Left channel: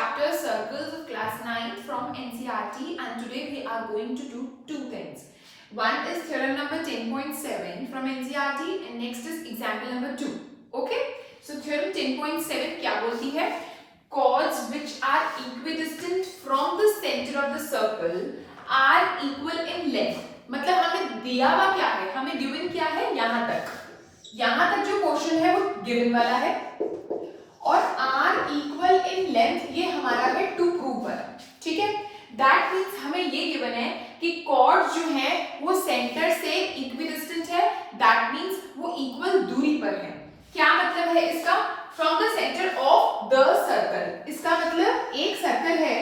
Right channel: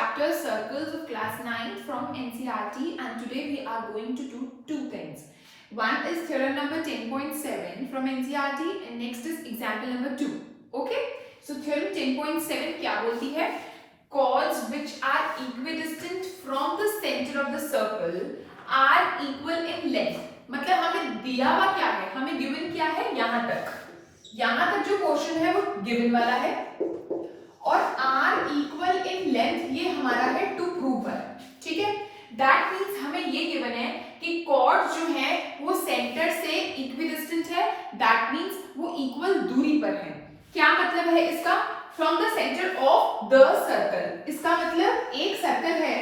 chapter Circles of Class 9 from NCERT, and today we are going to do two things. One is theorem number 10.7 from NCERT and next is example number 2. Okay? So theorem 10.7 क्या बोलती है? Chords which are equidistant from the center of the circle are equal in length. मतलब हमें दिया हुआ क्या है? हमें given क्या है? यहाँ तक जो पोर्शन है वो given वाला है और r इक्वल इन लेंथ ये हमारा है टू प्रूव वाला. ठीक है, दैट मींस हमें ये गिवन है कि कॉर्ड्स जो है वो सेंटर से इक्विडिस्टेंट है, दैट मींस वो इक्वल दूरी पर है. क्या मतलब है इसका? From the centre of the circle. इसका मतलब एक सर्कल है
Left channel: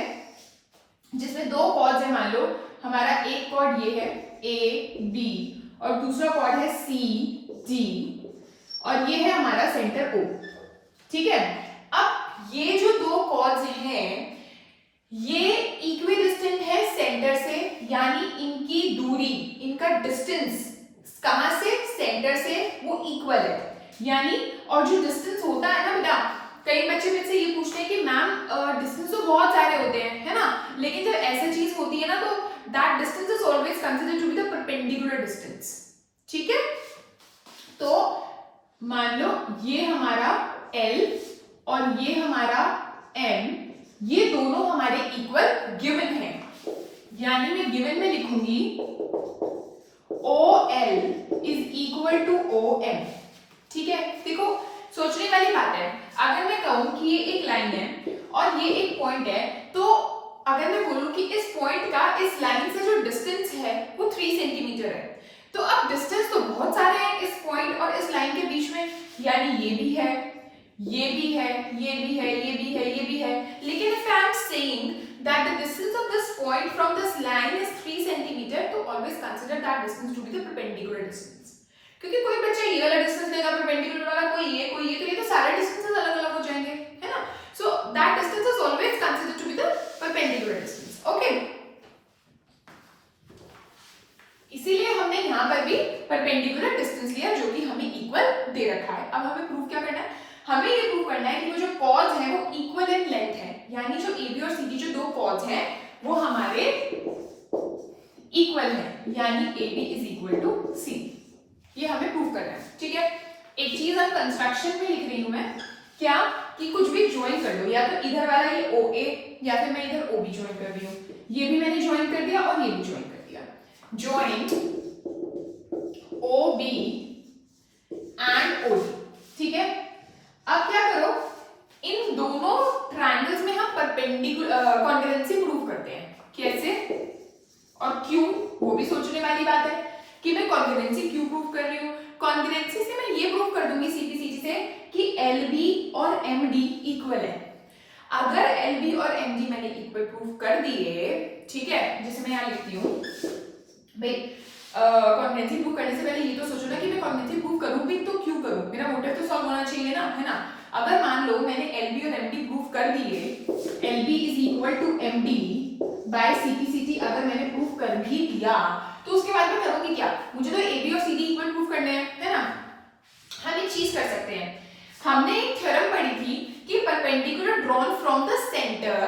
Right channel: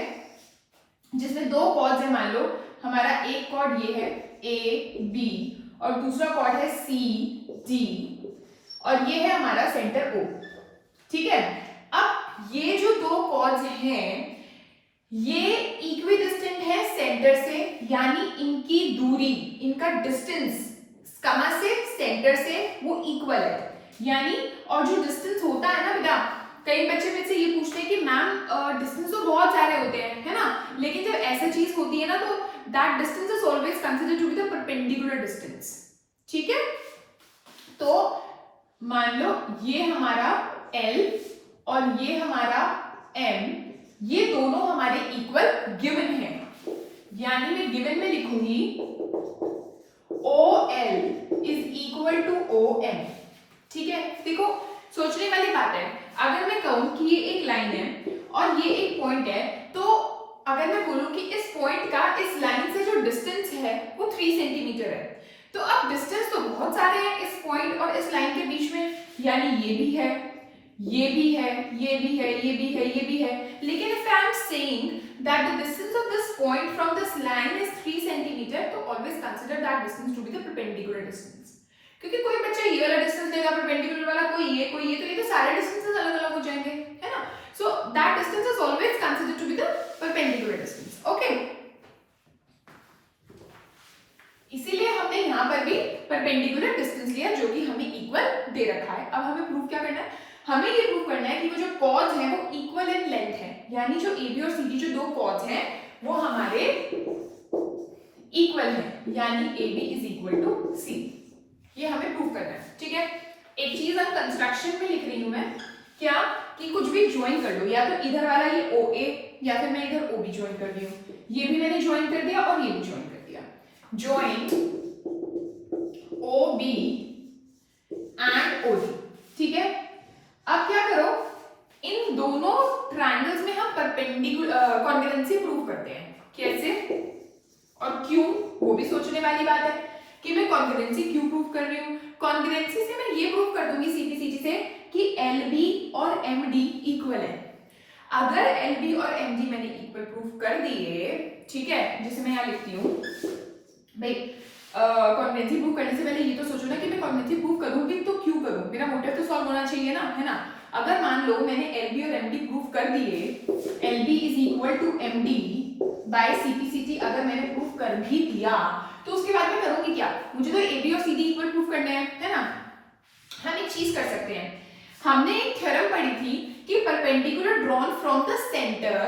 जिसमें दो कॉर्ड्स है. मान लो हमारा एक कॉर्ड ये है ए बी और दूसरा कॉर्ड है सी डी और ये है हमारा सेंटर ओ. ठीक है, अब ये जो दो कॉर्ड्स हैं ये इक्विडिस्टेंट है सेंटर से, यानी इनकी दूरी, इनका डिस्टेंस कहां से? सेंटर से वो इक्वल है. यानी और जो डिस्टेंस होता है ना बेटा, कई बच्चे मुझसे ये पूछते हैं कि मैम डिस्टेंस तो बहुत सारे होते हैं, है ना, लेकिन जब ऐसा चीज होती है ना तो that distance is always considered to be the perpendicular distance. ठीक है, तो मान लो ये हमारा L और ये हमारा M, ये दोनों हमारे इक्वल गिवन है. यानी मैं गिवन में लिखूंगी OL is equal to OM. ठीक है, देखो सोचने वाली बात है. अगर मैं कहूं कि ये एक लाइन है और ये एक पॉइंट है, तो अगर मैं बोलूं कि इस पॉइंट का इस लाइन से जो डिस्टेंस है वो 3 सेंटीमीटर है, तो अब डिस्टेंस तो बहुत सारे हैं इस पॉइंट और इस लाइन के बीच में. यानी ये भी है, ये भी है, ये भी है, ये भी है, ये भी है. लेकिन if I am saying that the distance of this point from this line is 3 centimeter, तो always consider that distance to be the perpendicular distance. क्योंकि कोई बच्चा ये वाला डिस्टेंस देगा परपेंडिकुलर वाला, कोई ये, तो ये तो सारे डिस्टेंसेस अलग-अलग हो जाएंगे, है ना. So that distance is always considered to be the perpendicular distance. Okay? इसीलिए हमने यहाँ पर भी परपेंडिकुलर डिस्टेंस लिया जो कि हमें इक्वल दे रखा है. अब हमें प्रूव क्या करना है? हमें ये प्रूव करना है कि वो जो कॉर्ड्स हैं वो इक्वल इन लेंथ है. यानी जो AB और CD जो दो कॉर्ड्स हैं वो हमारे इक्वल हैं, यानी AB is equal to C. ये हमें प्रूव करना है. ठीक है, एक चीज हम कंस्ट्रक्शन में लिख रही हूं मैं, क्या कि कुछ भी ज्वाइन कर लो, या तो इधर वाला ये OA या फिर मैं इधर OB ज्वाइन कर रही हूं. ये भी मैंने ज्वाइन कर दिया और ये भी ज्वाइन कर दिया. Join OB and OD. ठीक है, अब क्या करो, इन दोनों ट्रायंगल्स में हम परपेंडिकुलर कॉन्ग्रुएंसी प्रूव करते हैं. कैसे और क्यों, वो भी सोचने वाली बात है कि मैं कॉन्ग्रुएंसी क्यों प्रूव कर रही हूं. कॉन्ग्रुएंसी से मैं ये प्रूव कर दूंगी सीधी सीधी से कि LB और MD इक्वल है. अगर LB और MD मैंने इक्वल प्रूव कर दिए, ठीक है, जिसे मैं यहां लिखती हूं भाई, कॉन्ग्रुएंसी प्रूव करने से पहले ये तो सोचो ना कि मैं कॉन्ग्रुएंसी प्रूव करूं भी तो क्यों करूं, मेरा मोटिव तो सॉल्व होना चाहिए ना, है ना. अगर मान लो मैंने LB और MD प्रूव कर दिए, LB is equal to MD by CP/CT अगर मैंने प्रूव कर भी दिया, तो उसके बाद में करूंगी क्या? मुझे तो AB और CD इक्वल प्रूव करने हैं, है ना. हम एक चीज कर सकते हैं, हमने एक थ्योरम पढ़ी थी कि perpendicular drawn from the centre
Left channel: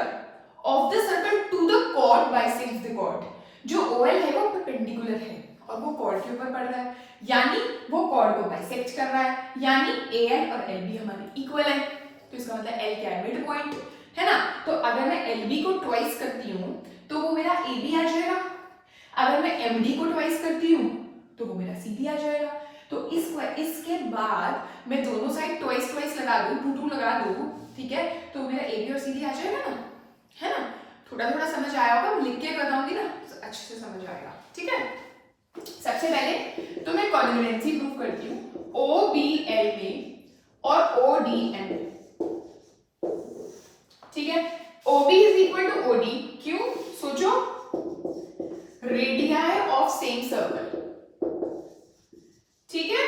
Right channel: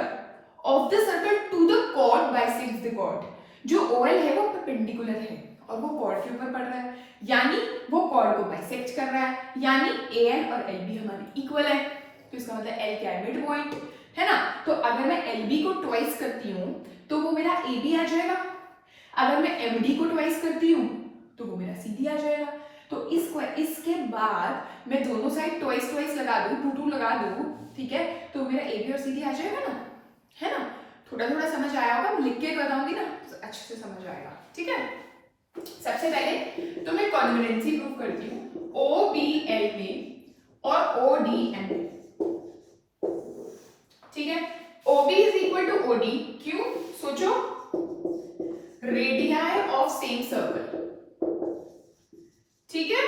of the circle to the chord bisects the chord. जो OL है वो परपेंडिकुलर है और वो कॉर्ड के ऊपर पड़ रहा है, यानी वो कॉर्ड को बाइसेक्ट कर रहा है, यानी AL और LB हमारे इक्वल है. तो इसका मतलब L क्या है? मिड पॉइंट, है ना. तो अगर मैं LB को ट्वाइस करती हूं तो वो मेरा AB आ जाएगा. अगर मैं MD को ट्वाइस करती हूं तो वो मेरा CD आ जाएगा. तो इसके बाद मैं दोनों साइड ट्वाइस लगा दूं, 2 लगा दूं, ठीक है, तो मेरा AB और CD आ जाएगा ना, है ना. थोड़ा समझ आया होगा, लिख के बताऊंगी ना अच्छे से समझ आएगा. ठीक है, सबसे पहले तो मैं कॉन्ग्रुएंसी प्रूव करती हूँ OBL में और ODM. ठीक है, OB is equal to OD. क्यों? सोचो, रेडियाई ऑफ सेम सर्कल. ठीक है,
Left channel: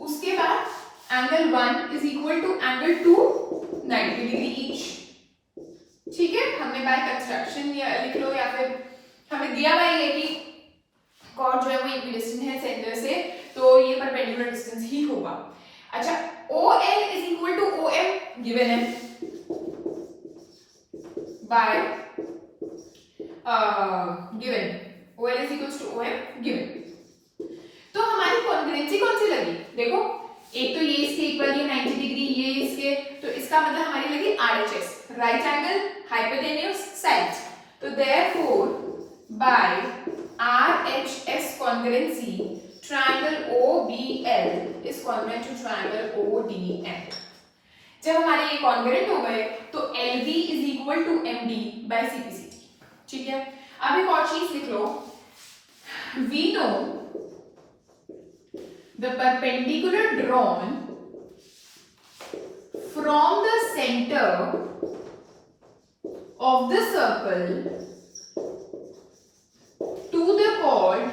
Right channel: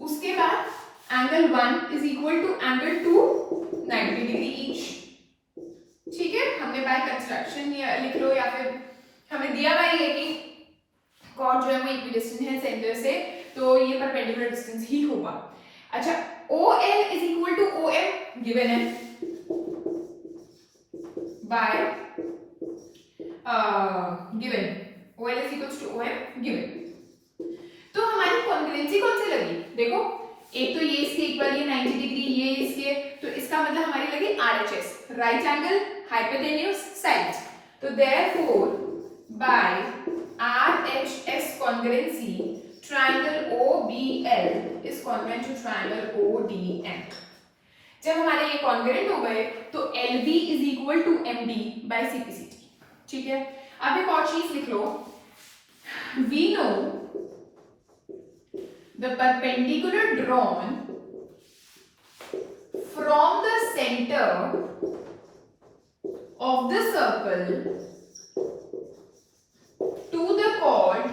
उसके बाद angle 1 is equal to angle 2 90 degree each. ठीक है, हमने बाय कंस्ट्रक्शन या लिख लो या फिर हमें दिया हुआ है कि कॉर्ड जो है वो इक्विडिस्टेंट है सेंटर से, तो ये परपेंडिकुलर डिस्टेंस ही होगा. अच्छा, OL is equal to OM given है. by given OL is equals to OM given। तो हमारी कॉन्ग्रुएंसी कौन सी लगी? देखो एक तो ये इसके इक्वल है 90 डिग्री, ये इसके, तो इसका मतलब हमारी लगी RHS, right angle hypotenuse sides. तो therefore by RHS congruency triangle OBL is congruent to triangle ODM। जब हमारे ये कॉन्ग्रुएंट हो गए तो LB is equal to MD by CPCT। ठीक है, अब एक और चीज लिख लो, we know the perpendicular drawn from the center of the circle to the chord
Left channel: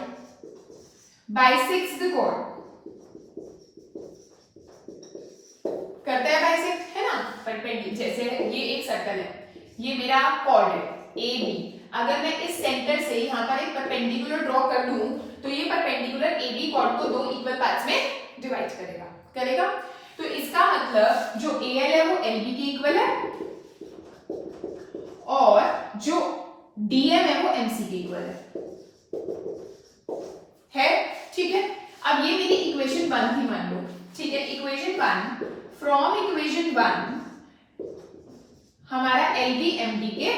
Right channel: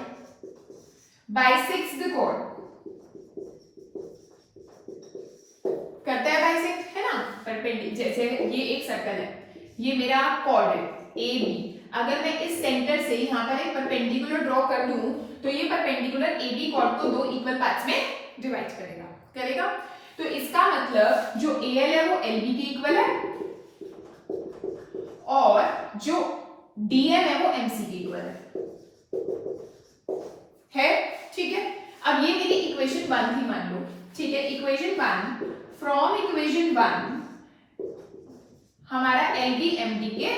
bisects the chord। करता है बाइसेक्ट, है ना, परपेंडिकुलर। जैसे ये एक सर्कल है, ये मेरा कॉर्ड है ए बी, अगर मैं इस सेंटर से यहाँ पर एक परपेंडिकुलर ड्रॉ कर दूं तो ये परपेंडिकुलर ए बी कॉर्ड को दो इक्वल पार्ट्स में डिवाइड करेगा। तो इसका मतलब जो ए एल है वो एल बी के इक्वल है और जो डी एम है वो एम सी के इक्वल है। ठीक है, अब ये मेरी इक्वेशन 1 थी मान लो। ठीक है, इक्वेशन 1, फ्रॉम इक्वेशन 1 हमारा एल बी एम डी के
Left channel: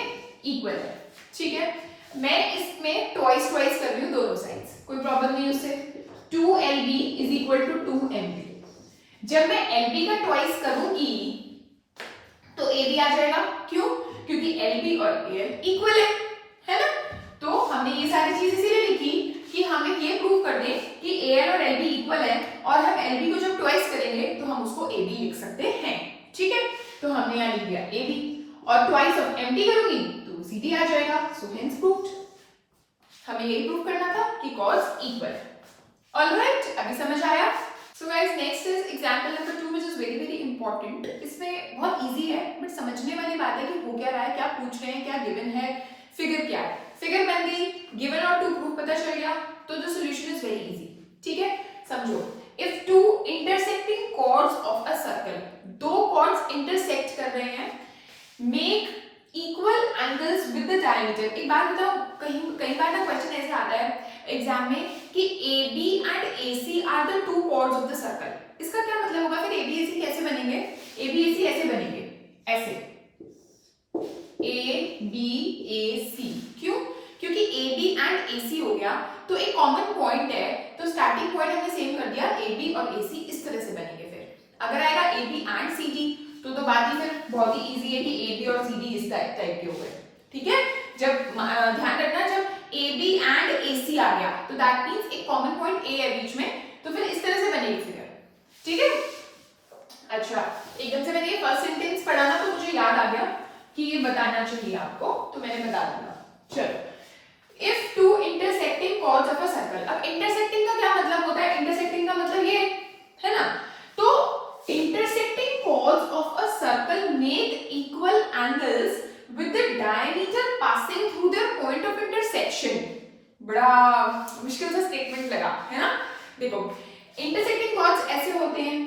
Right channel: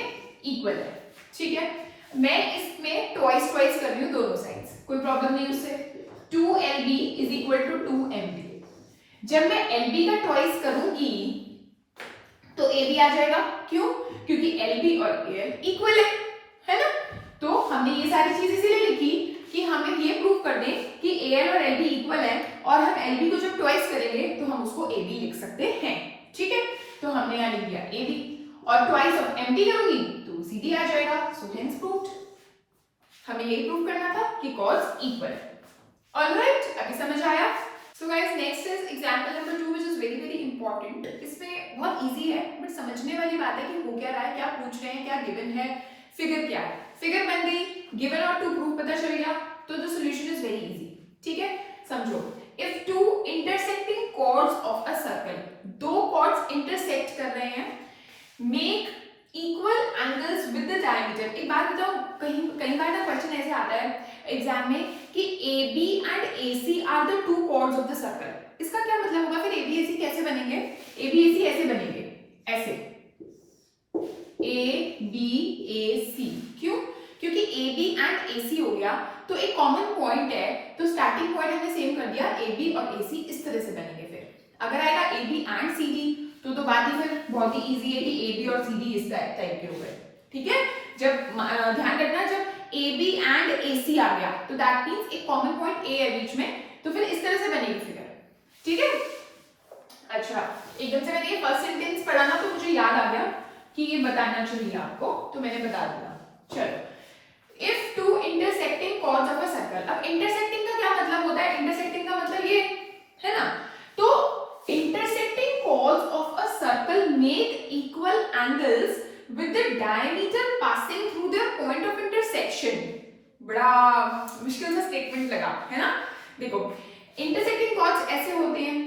इक्वल है। ठीक है, मैं इसमें ट्वाइस कर रही हूँ दोनों साइड्स, कोई प्रॉब्लम नहीं उससे। 2LB is equal to 2MD। जब मैं LB का ट्वाइस करूंगी तो AB आ जाएगा। क्यों? क्योंकि LB और AL इक्वल है ना। तो हमने ये सारी चीज इसीलिए लिखी कि हमें ये प्रूव कर दें कि AL और LB इक्वल है, और हम LB को जब ट्वाइस करेंगे तो हम उसको AB लिख सकते हैं। ठीक है, तो हमने यहाँ लिख दिया AB, और ट्वाइस ऑफ MD करूंगी तो CD आ जाएगा। So hence proved. हमें ये प्रूव करना था कि कॉज इक्वल है। ऑलराइट, अभी समझ आया? So guys, next is example number 2 which is very very important. इसमें बहुत इजी है बट समझने वाली बात है कि हो क्या रहा है, क्या पूछ रहे हैं, क्या गिवन है, फिगर क्या है। फिगर बन गई, गिवन और टू प्रूफ पता चल गया, तो the solution is very easy. ठीक है, समझो, if two intersecting chords of a circle, दो कॉर्ड्स इंटरसेक्ट कर रहे हैं, make equal angles with the diameter. एक बात बताओ, कई बार ना क्वेश्चन ऐसे आता है एग्जाम में कि AB and AC are the two chords of the circle. इसका क्या मतलब होगा? फिर AB AC कैसे बनेंगे? AB AC ऐसे बनेंगे, ऐसे AB AC। क्यों? क्योंकि AB एंड AC हो गया तो एक कॉमन पॉइंट है, तो स्टार्टिंग पॉइंट हमने सेम कर दिया, AB और AC इस तरह से बनेंगे। फिर अगर आएगा AB एंड CD तो बात ही फिर बहुत ही इजी है कि AB और CD इस टाइप के हुए। ठीक है, जब ध्यान रखना, जब AB एंड AC आ गया तो दैट मींस एक कॉमन पॉइंट A है बीच में, तो फिर इस तरह से बनेगी फिगर। ठीक है, अच्छा, एकदम से मैंने ये फर्स्ट सेंटेंस पढ़ा ना तो मुझे याद आ गया कि ये बताना चाहिए आपको, तो मैंने बता दिया। चलो, if two intersecting chords of a circle. अब इंटरसेक्टिंग का क्या मतलब होता है? इंटरसेक्टिंग का मतलब ये है ना, तो intersecting chords of a circle make equal angles with the diameter passing through their point of intersection। बड़ा मुश्किल सा स्टेटमेंट लगा है ना। देखो, intersecting chords ऐसे होते हैं,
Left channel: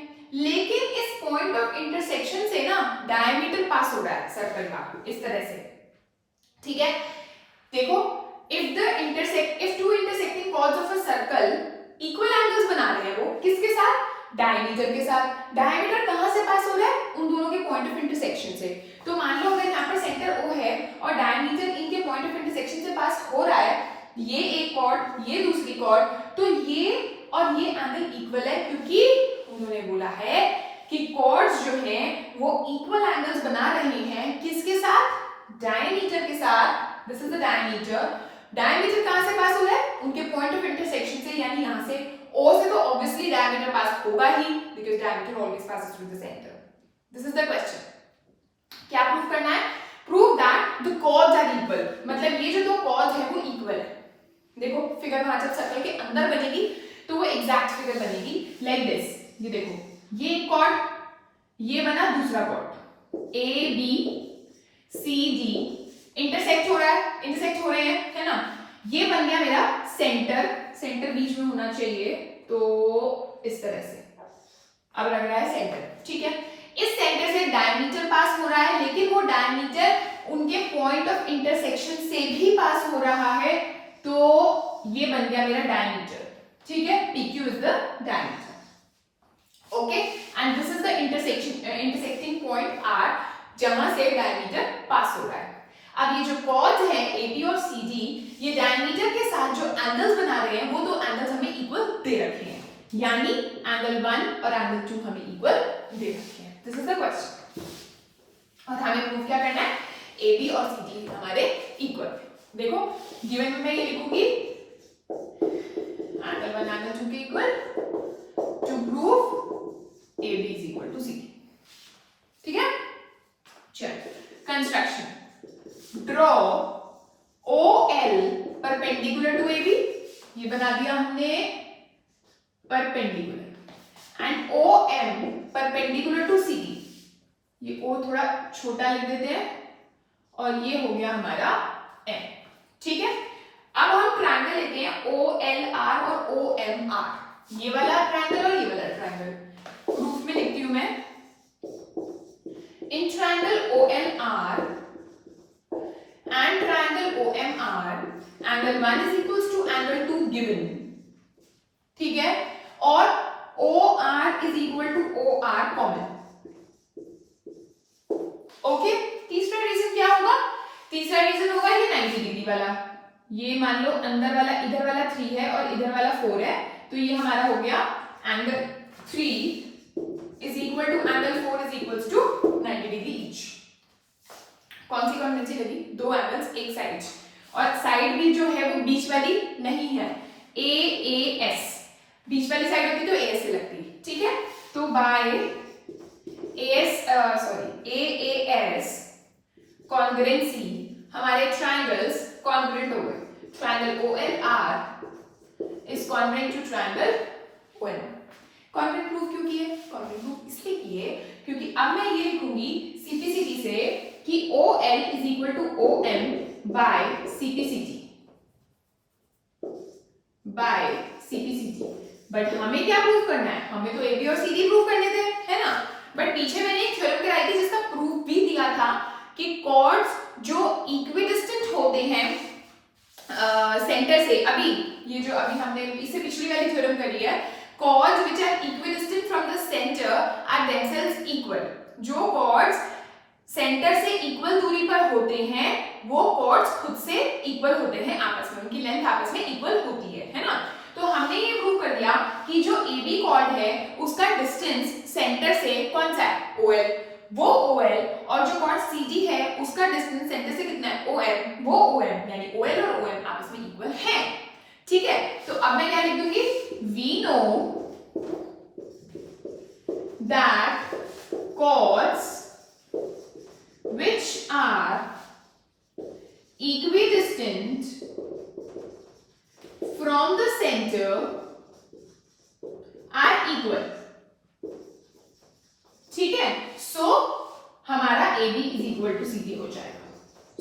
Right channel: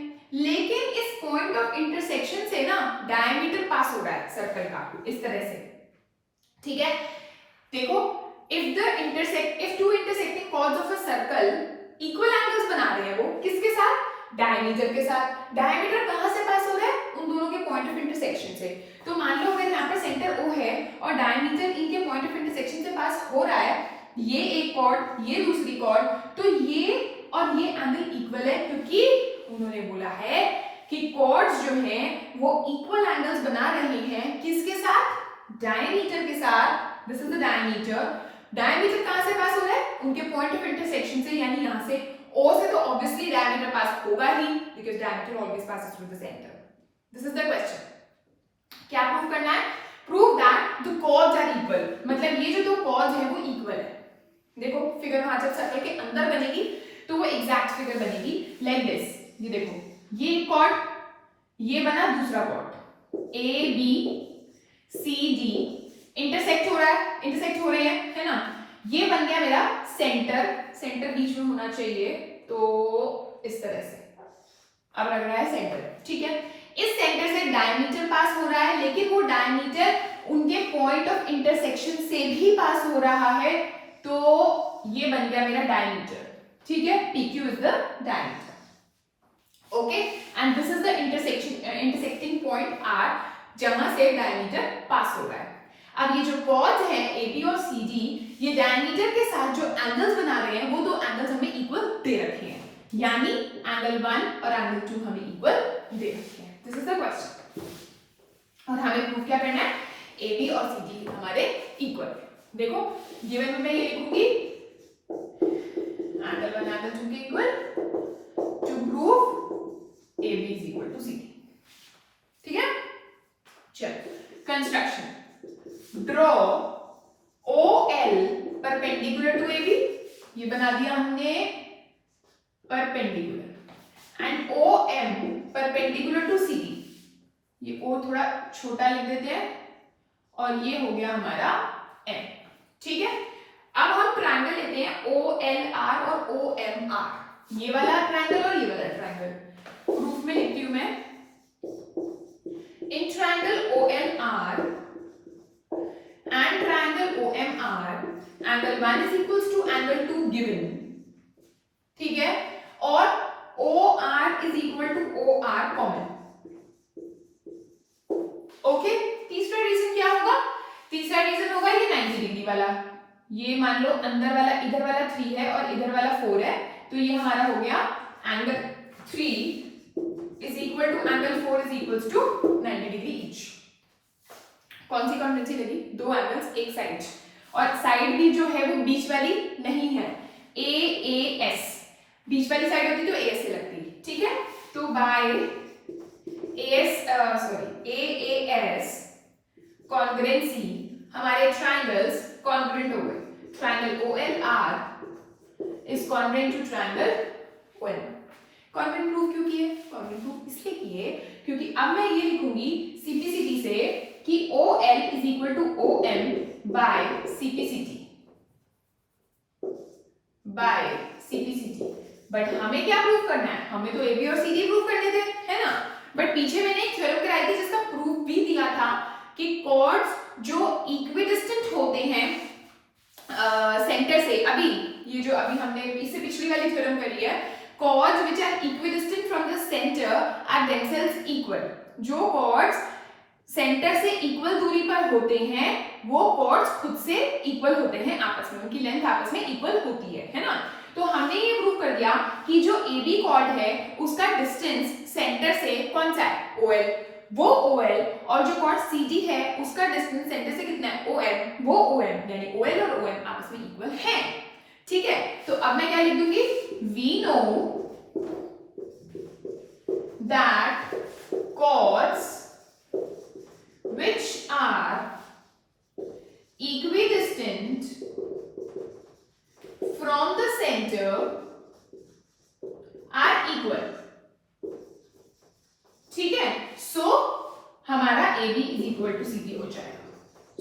लेकिन इस पॉइंट ऑफ इंटरसेक्शन से ना डायमीटर पास हो रहा है सर्कल का, इस तरह से। ठीक है, देखो, if two intersecting chords of a circle equal angles बना रहे हैं, वो किसके साथ? डायमीटर के साथ। डायमीटर कहां से पास हो रहा है? उन दोनों के पॉइंट ऑफ इंटरसेक्शन से। तो मान लो अगर यहाँ पर सेंटर O है और डायमीटर इनके पॉइंट ऑफ इंटरसेक्शन से पास हो रहा है, ये एक कॉर्ड, ये दूसरी कॉर्ड, तो ये और ये एंगल इक्वल है, क्योंकि उन्होंने बोला है कि कॉर्ड्स जो हैं वो इक्वल एंगल्स बना रहे हैं, किसके साथ? डायमीटर के साथ। This is the diameter. Diameter कहां से पास हो रहा है? उनके पॉइंट ऑफ इंटरसेक्शन से, यानी यहां से O से तो ऑब्वियसली डायमीटर पास होगा ही, because diameter always passes through the centre. This is the question. क्या प्रूव करना है? Prove that the chords are equal. मतलब ये जो दो कॉर्ड्स हैं वो इक्वल है। देखो, फिगर वहां जब सर्कल के अंदर बनेगी तो वो एग्जैक्ट फिगर बनेगी लाइक दिस। ये देखो, ये एक कॉर्ड, ये बना दूसरा कॉर्ड, ABCD इंटरसेक्ट हो रहा है, इंटरसेक्ट हो रहे हैं, है ना। ये बन गया मेरा सेंटर, सेंटर बीच में होना चाहिए, तो इस तरह से अब लग रहा है सेंटर। ठीक है, इस सेंटर से डायमीटर पास हो रहा है, लेकिन वो डायमीटर उनके पॉइंट ऑफ इंटरसेक्शन से भी पास हो रहा है, तो ये बन गया मेरा डायमीटर, ठीक है, PQ is the diameter, okay, and this is the intersecting point R जहां से डायमीटर पास हो रहा है। अब ये जो कॉर्ड्स हैं AB और CD, ये डायमीटर के साथ जो एंगल्स बना रहे हैं वो दो एंगल्स हमें इक्वल दे रखे हैं, यानी एंगल 1 और एंगल 2 हमें इक्वल दे रखे हैं। दिस इज द क्वेश्चन, और हमें प्रूव क्या करना है, AB और CD हमारे इक्वल। देखो गिवन में मैं ये लिखूंगी एंगल 1 एंगल 2 के equal to prove AB is equal to CD, ठीक है। चलो construction, draw OL perpendicular to AB, ये बना दिया हमने perpendicular, and OM perpendicular to CD, ये O थोड़ा छोटा लिख देते हैं, और ये हो गया हमारा M, ठीक है। अब हम ट्रायंगल लेते हैं OLR और OMR, ये वाला ट्रायंगल और ये वाला ट्रायंगल, प्रूफ में लिखती हूं मैं, in triangle OLR and triangle OMR, angle 1 is equals to angle 2 given, ठीक है, और OR is equal to OR common, okay. तीसरा रीजन क्या होगा, तीसरा रीजन होगा ये 90 डिग्री वाला, ये मान लो अंदर वाला इधर वाला 3 है और इधर वाला 4 है, तो ये हमारा हो गया angle 3 is equal to angle 4 is equals to 90 degree each. कौन सी कॉन्वेंसी लगी, दो एंगल्स एक साइड, और साइड भी जो है वो बीच वाली नहीं है, AAS, बीच वाली साइड होती तो AS से लगती, ठीक है। तो बाय AAS कॉन्ग्रुएंसी हमारे ट्रायंगल्स कॉन्ग्रुएंट हो गए, triangle OLR is congruent to triangle OM। Congruent proof क्यों किए, कॉन्ग्रुएंट प्रूफ इसलिए किए क्योंकि अब मैं ये लिखूंगी CPCT से कि OL is equal to OM by CPCT, but हमें क्या प्रूफ करना है, हमें तो AB और CD प्रूफ करने थे, है ना। बट पीछे मैंने एक थ्योरम कराई थी जिसका प्रूफ भी दिया था कि कॉर्ड्स जो इक्विडिस्टेंट होते हैं सेंटर से, अभी ये जो अभी हमने इससे पिछली वाली थ्योरम करी है, chords which are equidistant from the centre are themselves equal, जो कॉर्ड्स सेंटर से इक्वल दूरी पर होते हैं वो कॉर्ड्स खुद से इक्वल होते हैं आपस में, उनकी लेंथ आपस में इक्वल होती है ना। तो हमने ये प्रूव कर दिया कि जो AB कॉर्ड है उसका डिस्टेंस सेंटर से कौन सा है, OL, वो OL, और जो कॉर्ड CD है उसका डिस्टेंस सेंटर से कितना है, OM, वो OM, यानी OL और OM आपस में इक्वल है, ठीक है। तो अब मैं क्या लिख दूंगी, we know that chords which are equidistant from the center are equal, ठीक है। सो हमारा AB is equal to CD हो जाएगा,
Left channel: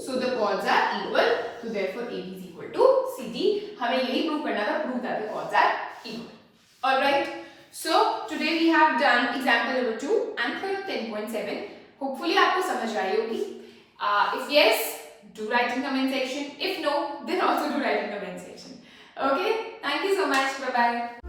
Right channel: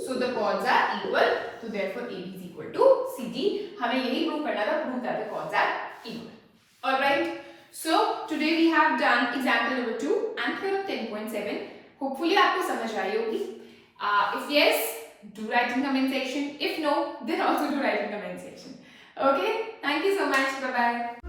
so the chords are equal, so therefore AB is equal to CD। हमें यही प्रूव करना था, prove that the chords are equal, alright। So today we have done example number 2 and theorem 10.7। hopefully आपको समझ आई होगी, if yes do write in comment section, if no then also do write in comment section, okay। thank you so much, bye bye।